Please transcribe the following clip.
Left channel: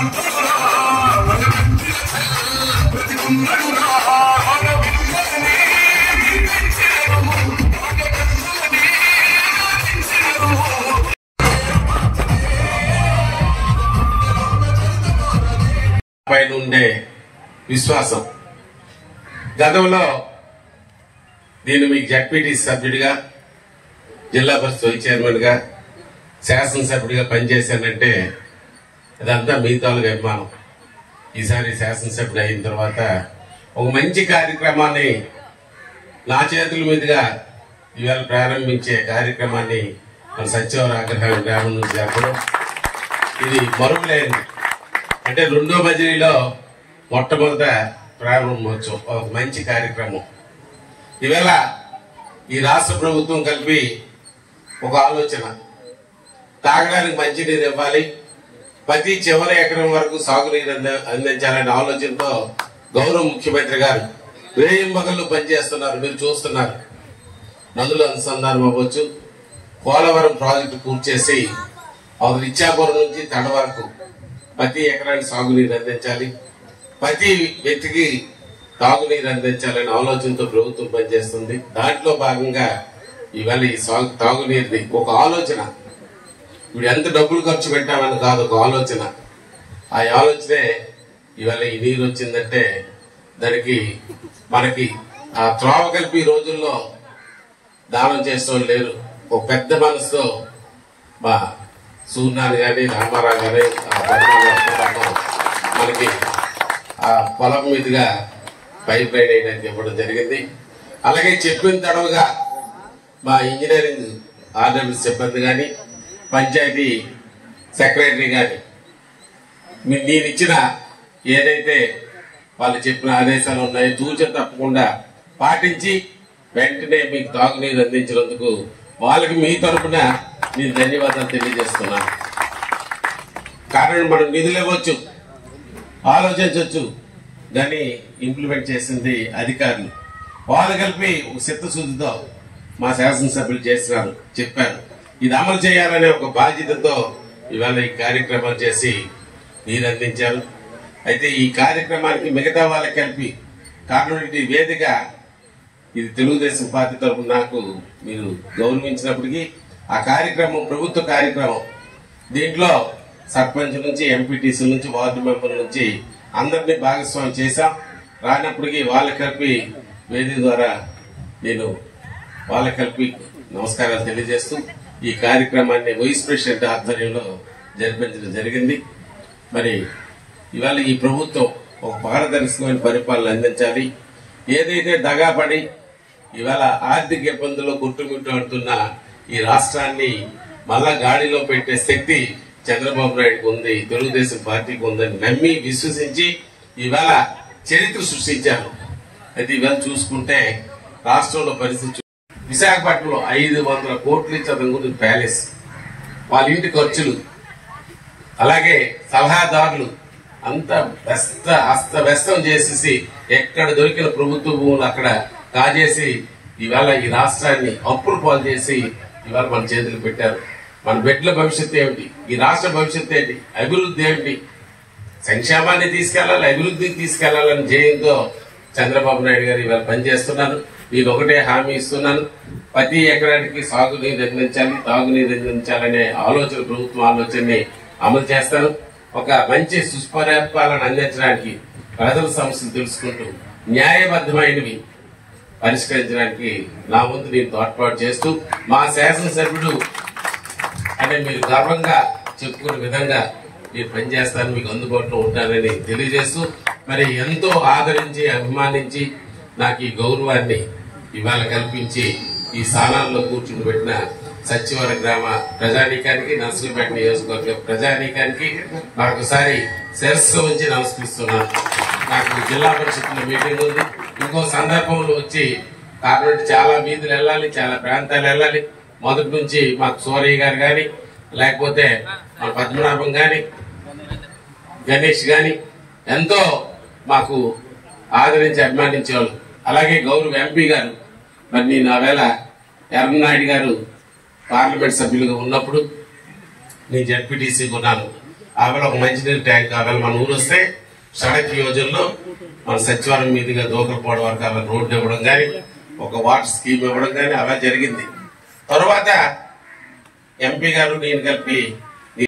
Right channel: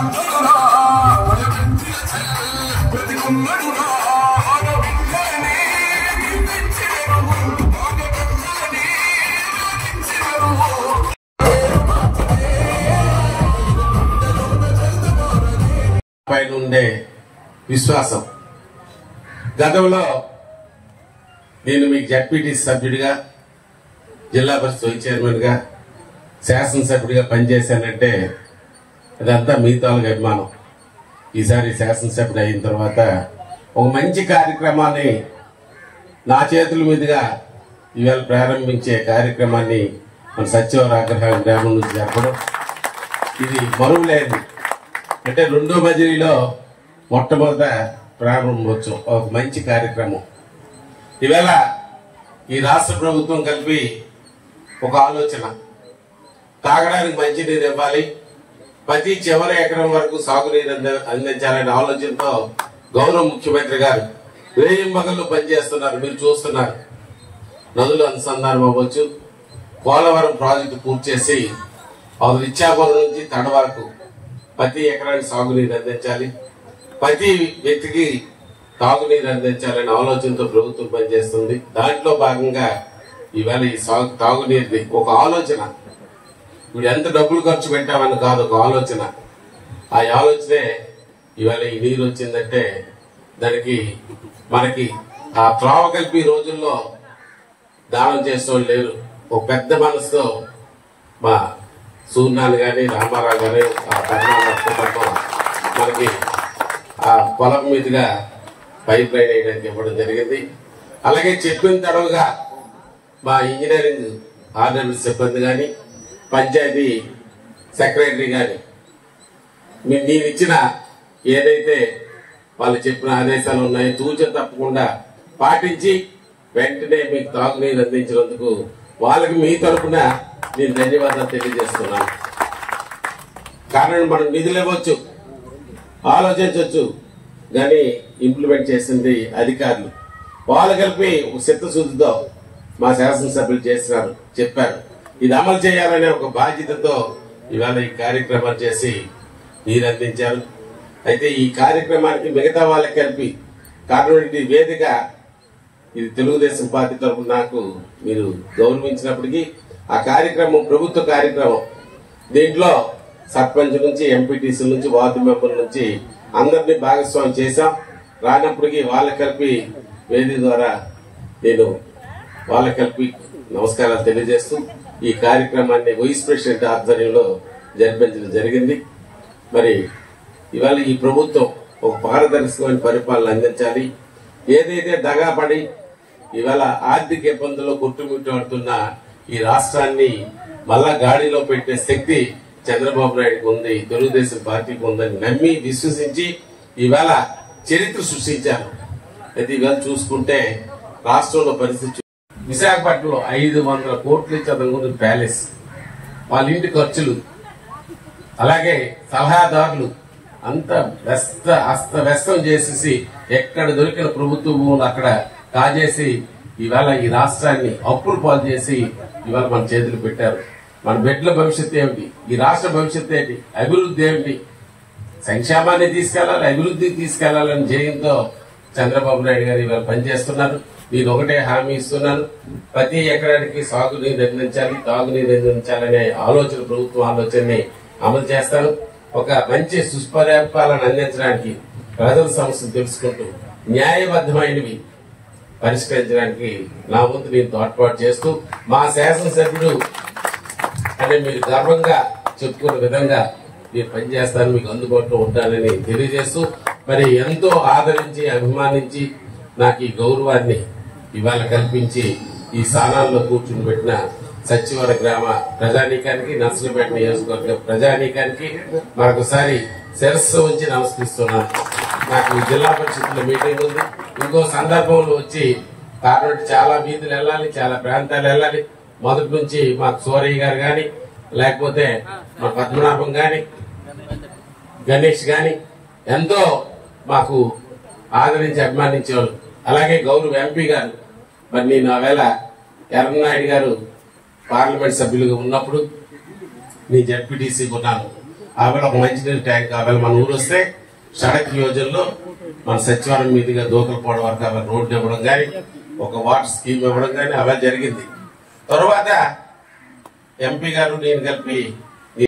పైన ఉండే విశ్వాసం. గతంలో నేను మీకు జడ్పీటీ సభ్యుడిగా, జిల్లా పరిషత్ వైస్ చైర్మన్ గా, శాసనసభ్యుడిగా పనిచేశానంటే అదంతా మీ తాలూకు అభిమానం. ఈసారి శాసనసభ్యుడు అయిన తర్వాత ఒక మంచి కార్యక్రమాన్ని నా చేతుల మీదుగా ఇవాళ ప్రారంభించే కార్యక్రమాన్ని మన సత్యవరాగ్రహ గ్రామం నుంచి జరపడం ఇది మరువులేని, అంటే రెండో బదిలీలో మొట్టమొదట ప్రారంభోత్సవం, ఒక మంచి కార్యక్రమం. ఇవాళ ఈ రాష్ట్ర ప్రభుత్వం కలిపి ఒక ఆలోచన, తాగడానికి మంచినీరు ఇవ్వాలి, ప్రతి చివరి ఎకరం వరకు సాగునీరు అందించాలనే ఆలోచనతో గౌరవ ముఖ్యమంత్రి గారు వేయింబగల్లో పనిచేస్తున్నారు. మీరు చూస్తున్నారు. నదుల అనుసంధానం అవ్వచ్చు, పోలవరం ప్రాజెక్టు పూర్తి చేసి అది ఇచ్చాపురం నుంచి తండ వరకు ప్రతి ఎకరానికి సాగునీరు అందించాలి, ప్రతి వ్యక్తికి తాగునీరు అందించాలనే ఆలోచనతో ప్రభుత్వం పనిచేస్తుంది. దాంట్లో భాగంగా ఇవాళ ఈ తాగునీరుని ఒక ఆలోచన, ఇప్పుడు ఎంత డబ్బులు ఖర్చు పెట్టామని కాదు, ఒక ఆలోచన. ఆ ఆలోచనే ఇవాళ ఈ నీరు వచ్చిందంటే దానికి మనకి ఆ త్రోవ కలిపి రోజుల్లో దానం చేసేవాళ్ళు లేరు. ఒక పెద్ద మనసుతో మా సూర్యనాథ్ గాని, రామారావు గాని మనకి ఆ పొలం మీదుగా పైప్ లైన్ వేయడానికి ఇవ్వడం జరిగింది. అలాగే చెప్పిన తడవుగా మా ఇంజనీరింగ్ ఆర్గనైజ్ సిబ్బంది గాని, పంచాయతీ సెక్రటరీ గాని నేను ఇచ్చిన ఏదైతే వాళ్ళు చెప్పిన ఆదేశాలు ఉన్నాయో తూచ తప్పకుండా పాటించి వెంటనే మీకు తాగునీరు అందించినందుకు వాళ్ళకి మీ తరఫున నేను ధన్యవాదాలు తెలియజేస్తున్నాను. కారణం మనం నిధులు ఇవ్వచ్చు, ఆలోచించవచ్చు, కానీ ఇంప్లిమెంట్ చేసింది అధికారులు. వాళ్ళు కలిపి ఒక చిత్తశుద్ధితో మా శాసనసభ్యులు చేసినారు, చెప్పారు. ఇది అమలు చేయాలనే ఒక బాధ్యతతో ఇవాళ ఈ కార్యక్రమాలు చేసి నీరు అందించారు. అయితే ఈ కార్యక్రమానికి మిగతా వాళ్ళకి కలిపి కారణం ఇది వేదిక, ఇది తెలుగుదేశం పార్టీ తరఫున నాకు మీరు గౌరవించినప్పటికీ ఆ కార్యక్రమం ప్రభుత్వ కార్యక్రమం. దీంట్లో సర్పంచ్ నుంచి, ఎంపీటీసీ నుంచి, వార్డు మెంబర్ నుంచి అందరినీ భాగస్వామ్యం చేశాం. రానప్పటికీ వాళ్ళ కలిపి వేదిక ద్వారా నేను వాళ్ళ కలిపి నమస్కారాలు తెలియజేస్తూ ఈ కార్యక్రమాన్ని వైస్ ప్రెసిడెంట్ ఆధ్వర్యంలో జరిపించడం జరిగింది. మరి ఇవాళ ఈ ప్రభుత్వం ఒక పారదర్శకమైన పరిపాలన అందించాలి. ఏదైతే దగాపడి ఇవాళ ఆర్థిక ఇబ్బందుల్లో గుట్టుముట్టాడుతున్న ఈ రాష్ట్రాన్ని మళ్ళా గాడిలో పెట్టే శక్తి చంద్రబాబు నాయుడుకి ఉంది, తెలుగుదేశం పార్టీకి ఉందని నమ్మి విశ్వసించి ఇవాళ చరిత్ర సృష్టించారు. అయితే ఇవాళ చూసుకుంటే రాష్ట్రంలో పరిస్థితి, విశాఖపట్నంలో 500 కోట్లు ఇచ్చి అతను ప్యాలెస్, వాళ్ళ ఇంటి ఖర్చులు, అలాగే సలహాదారులు అంతా అస్తవ్యస్తం చేసేసి ఎక్కడ దొరికిన ప్రభుత్వ భూములు అక్కడ కాజేసి ఇవాళ ఈ రాష్ట్రాన్ని అప్పులు పాలు చేసి ఇవాళ మన చేతులు పెట్టారు. మన బిడ్డల భవిష్యత్తు ఏమిటి, ఈ రాష్ట్ర భవిష్యత్తు ఏంటి, అభివృద్ధి ఏమిటి, సంక్షేమాన్ని తీసుకెళ్లాలి, అభివృద్ధికి తీసుకెళ్లాలని ధ్యేయంతో చంద్రబాబు నాయుడు గారు ఇవాళ పనిచేస్తున్నారు. నేను ఒకటే హామీ ఇస్తున్నాను, ప్రతి ఎకరానికి సాగునీరు అందించాలి, తాగునీరు అందించాలనే ఆలోచన, ప్రభుత్వం ఆలోచనని అమలు చేస్తాను. ఒక మంచి సుపరిపాలన అందించడానికి ప్రజల సమస్యలు తెలుసుకుంటూ న్యాయబద్దమైనవి పరిష్కరించడానికి నా వంతు నేను తోడ్పాటు చేస్తూ మా శాసనసభ్యుడు అంటే మీరు గర్వంగా చెప్పుకునే విధంగా నేను పనిచేస్తాను, మీకు అందుబాటులో ఉంటానని తెలియజేస్తూ మరి ఎంతో ఆదరించి అభిమానించి నాకు ఈ గౌరవాన్ని ఇవాళ కల్పించి ఈ స్థానాల్లో కూర్చుని పెట్టిన సచివాలయ గ్రామ ప్రజానీకానికి, నర్సరావుపేట నియోజకవర్గ ప్రజానీకానికి మరొకసారి శిరస్సు ఉంచి నమస్కరిస్తున్నాను. నాకు జిల్లా పరిషత్లో మీటింగ్ ఉంది, ఇంకో సందర్భంలో వచ్చి కాబట్టి చాలా వీధులు వెళ్ళాలి, చాలా ప్రాంతాలు వెళ్ళాలి. మొదటి నుంచి మాకు సూరయ్య గారు గాని, లేకపోతే మా పద్మనాభం గాని, గణేష్ గాని ఎంతో మాకు ఆదరించి అభిమానించేవాళ్ళు. అలాగే గౌరవ ఎంపీ గారు, మరి నేను ఆవేళ ఎర్రనాయుడు గారు పార్లమెంట్ సభ్యులుగా ఉన్నప్పుడు నేను జడ్పీటీసీ ఉన్నాను. ఆవేళ ఒక మంచినీరు ట్యాంక్ ఆవేళ మన ఊరు వస్తే సడక్ యోజనలో మన సచివాలయం మీదుగా దూకలపోవడం వరకు ఆవేళ రోడ్డు ఇవ్వడం కానీ ఒక వాటర్ స్కీమ్ ఇవ్వడం కానీ అలా జరిగింది. తర్వాత ఎంపీ గారు నేను కలిపి